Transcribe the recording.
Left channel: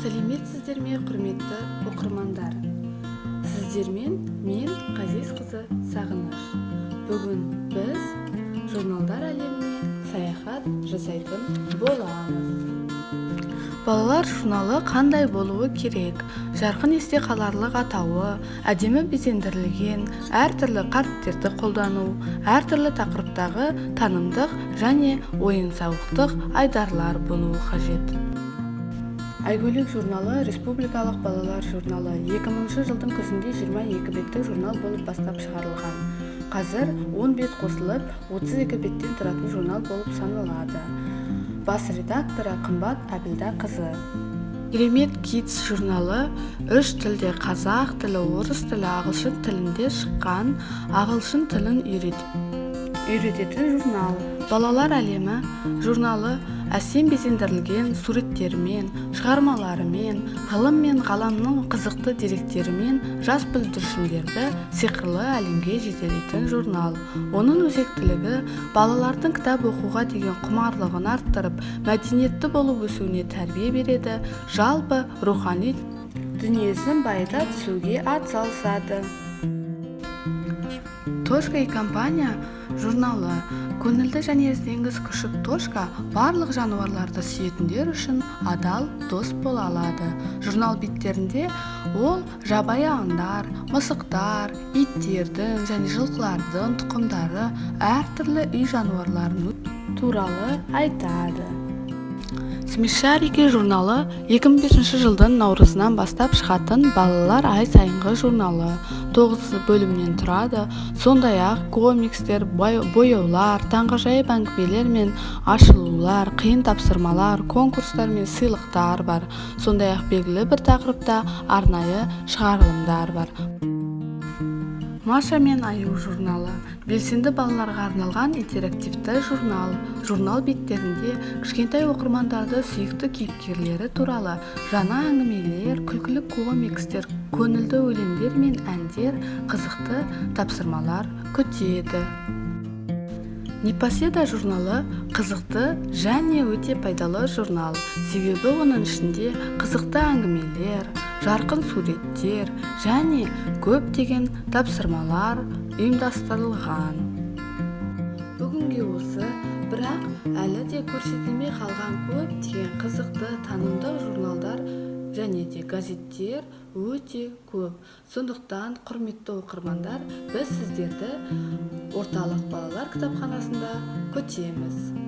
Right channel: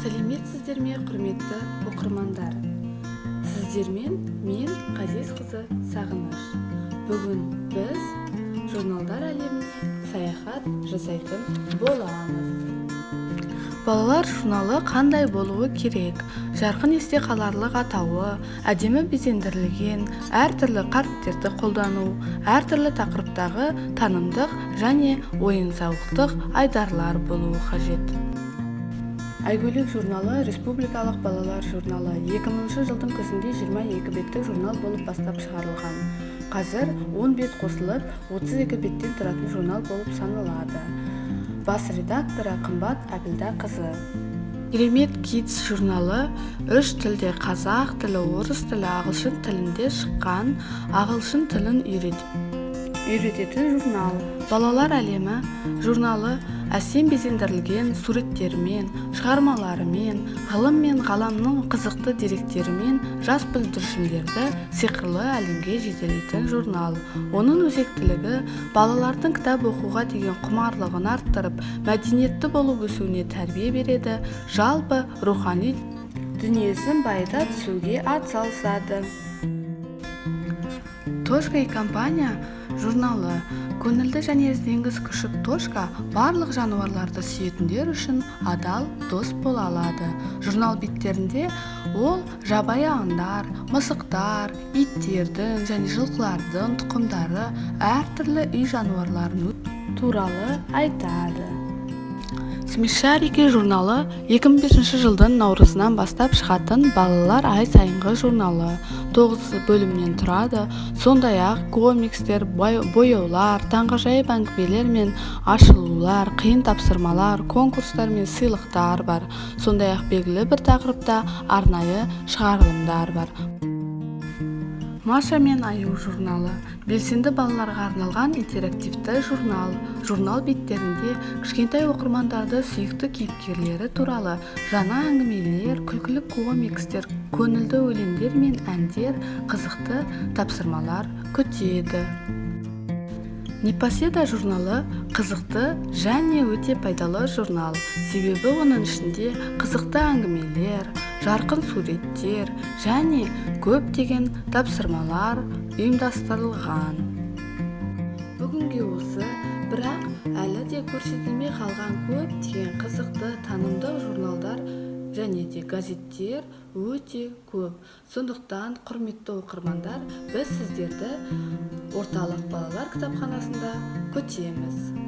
Сәлеметсіздер ме, құрметті оқырмандар? Сіздермен мен Қазес қызы Сағыныш. Бүгін біз журналдар әлеміне саяхат жасайтын боламыз. Балалар журналы қандай болуы керек? Жарқын есте қаларлық атауы, әдемі безендірілген, әртүрлі қаріптерді қолдану, әртүрлі тақырыптағы танымдық және ойын-сауықтық айдарлар болуы қажет. Айгөлек журналы республикалық балалар журналы 2000 жылдың күзінде 22 беттік журнал болып бастап шығарылған. Қазір 10 бет қосылып 32 беттен тұратын журнал болып саналады. Бас редакторы Қымбат Әбілда қызы. Керемет Kids журналы 3 тілде қазақ тілі, орыс тілі, ағылшын тілінде шыққан, ағылшын тілін үйрететін журнал. Балалар әлемі журналы әсем безендірілген суреттермен, шығармаларымен, ғылым мен ғаламның қызықты деректерімен жас бүлдіршіндерді сиқырлы әлемге жетелейтін журнал. Оның өзектілігі балалардың кітап оқуға деген құмарлығын арттырып, мәдениетті болып өсуіне тәрбие береді, жалпы рухани дүниесін байыта түсуге атсалысады. Тошка компания журналы көңілді және ізденгіш күшік Тошка барлық жануарларды сүйетіндер үшін адал дос бола алады. Журнал беттерінде ол жабайы аңдар, мысықтар, иттердің және жылқылардың тұқымдары, әртүрлі үй жануарларын туралы айтады. Смешарики журналы 2005 жылдың наурызынан бастап шығатын балалар ай сайынғы журналы. 9 бөлімнен тұрады. Сондай-ақ комикстер, бояулар, таңғажайып әңгімелер мен ашылулар, қиын тапсырмалар, конкурстар мен сыйлықтар бар. Сондай-ақ белгілі бір тақырыпта арнайы шығарылымдар бар. Маша мен Аю журналы белсенді балаларға арналған интерактивті журнал. Журнал беттерінде кішкентай оқырмандарды сүйікті кейіпкерлері туралы жаңа әңгімелер, күлкілі комикстер, көңілді өлеңдер мен әндер, қызықты тапсырмалар күтеді. Непоседа журналы қызықты және өте пайдалы журнал. Себебі оның ішінде қызықты әңгімелер, жарқын суреттер және көптеген тапсырмалар ұйымдастырылған. Бүгінге осы, бірақ әлі де көрсетілмей қалған көптеген қызықты танымдық журналдар және де газеттер өте көп. Сондықтан, құрметті оқырмандар, біз сіздерді орталық балалар кітапханасында күтеміз.